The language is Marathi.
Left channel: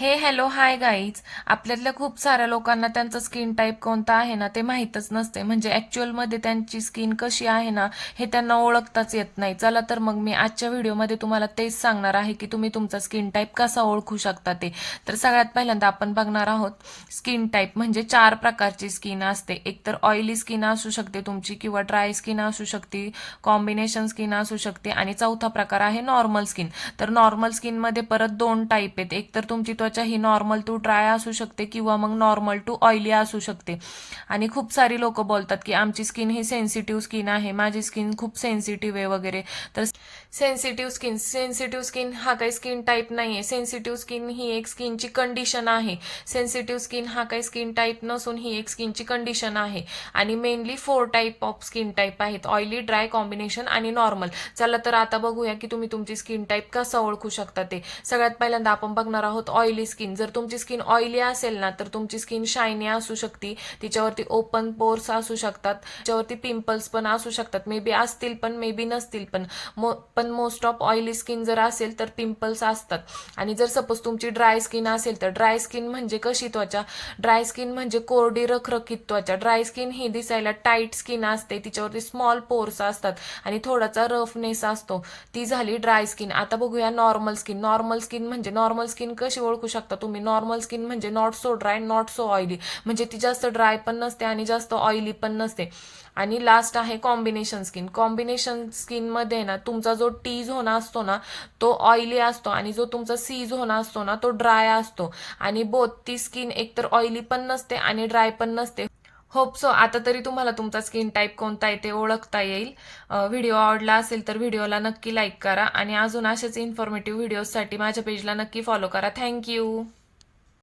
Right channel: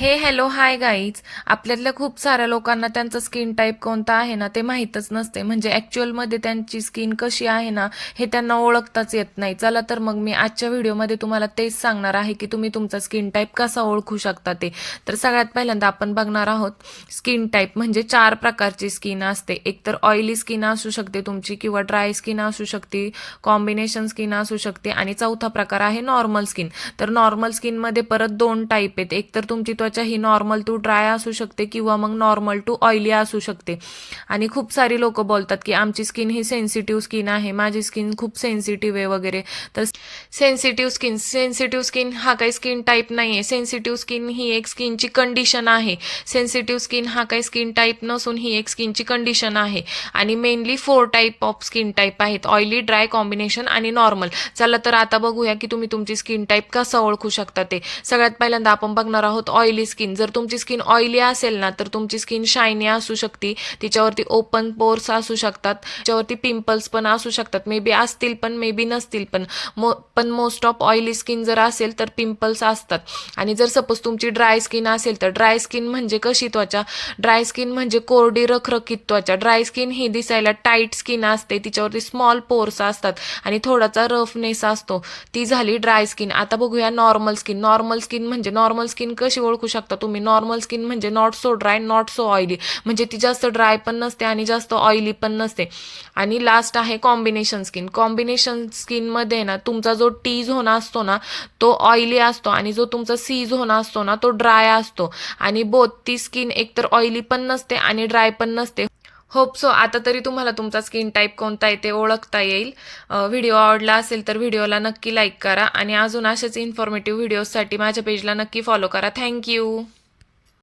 Hello hi guys. आपल्यातल्या खूप साऱ्या लोकांना त्यांचा स्किन टाईप कोणता आहे ना ते माहीतच नसते. म्हणजे ॲक्च्युअलमध्ये त्यांची स्किन कशी आहे ना हे त्यांना ओळखताच येत नाही. चला तर मग मी आजच्या व्हिडिओमध्ये तुम्हाला तेच सांगणार आहे की तुम्ही तुमचा स्किन टाईप कसा ओळखू शकता ते. तर सगळ्यात पहिल्यांदा आपण बघणार आहोत स्किन टाईप. म्हणजे 4 प्रकारची स्किन असते. एक तर ऑइली स्किन असू शकते तुमची, किंवा ड्राय स्किन असू शकते, कॉम्बिनेशन स्किन असू शकते, आणि चौथा प्रकार आहे नॉर्मल स्किन. तर नॉर्मल स्किनमध्ये परत 2 टाईप आहेत. एक तर तुमची त्वचा ही नॉर्मल टू ड्राय असू शकते, किंवा मग नॉर्मल टू ऑइली असू शकते. आणि खूप सारी लोक बोलतात की आमची स्किन ही सेन्सिटिव्ह स्किन आहे, माझी स्किन खूप सेन्सिटिव्ह आहे वगैरे. तर सेन्सिटिव्ह स्किन हा काही स्किन टाईप नाही आहे. सेन्सिटिव्ह स्किन ही एक स्किनची कंडिशन आहे. सेन्सिटिव्ह स्किन हा काही स्किन टाईप नसून ही एक स्किनची कंडिशन आहे. आणि mainly 4 type of skin type आहेत: ऑइली, ड्राय, कॉम्बिनेशन आणि नॉर्मल. चला तर आता बघूया की तुम्ही तुमची स्किन टाईप कसा ओळखू शकता ते. सगळ्यात पहिल्यांदा आपण बघणार आहोत ऑइली स्किन. जर तुमची स्किन ऑइली असेल ना तर तुमची स्किन शायनी असू शकते, तिच्यावरती ओपन पोर्स असू शकतात, तिच्यावरती पिंपल्स पण असू शकतात. मे बी असतील पण मे बी नसतील पण मोस्ट ऑफ ऑइली स्किन जर असेल तर पिंपल्स असतात. आणि जर सपोज तुमची ड्राय स्किन असेल तर ड्राय स्किन म्हणजे कशी त्वचा? ड्राय स्किन म्हणजे कोरडी रखरखीत त्वचा. ड्राय स्किन ही दिसायला टाईट स्किन असते, तिच्यावरती स्मॉल पोर्स असतात आणि थोडासा रफनेस असतो. ती झाली ड्राय स्किन. आता बघूया नॉर्मल स्किन. नॉर्मल स्किन कशी ओळखू शकता तुम्ही? नॉर्मल स्किन म्हणजे not so dry, not so oily. म्हणजे ती जास्त ड्राय पण नसते आणि जास्त ऑइली पण नसते. आणि लास्ट आहे कॉम्बिनेशन स्किन. कॉम्बिनेशन स्किनमध्ये ना तुमचा जो टी झोन असतो ना तो ऑइली असतो, आणि जो तुमचा सी झोन असतो ना तो ड्राय असतो. आणि बोथ ती स्किन एकतर ऑइली पण नसते आणि ड्राय पण नसते. होप सो आता तरी तुम्हाला तुमचा स्किन टाईप कोणता आहे ते ओळखता येईल. व्हिडिओ आवडला असेल तर व्हिडिओला नक्की लाईक करा, आणि अजून असेच इन्फॉर्मेटिव्ह व्हिडिओजसाठी माझ्या पेजला नक्की फॉलो करा. थँक्यू.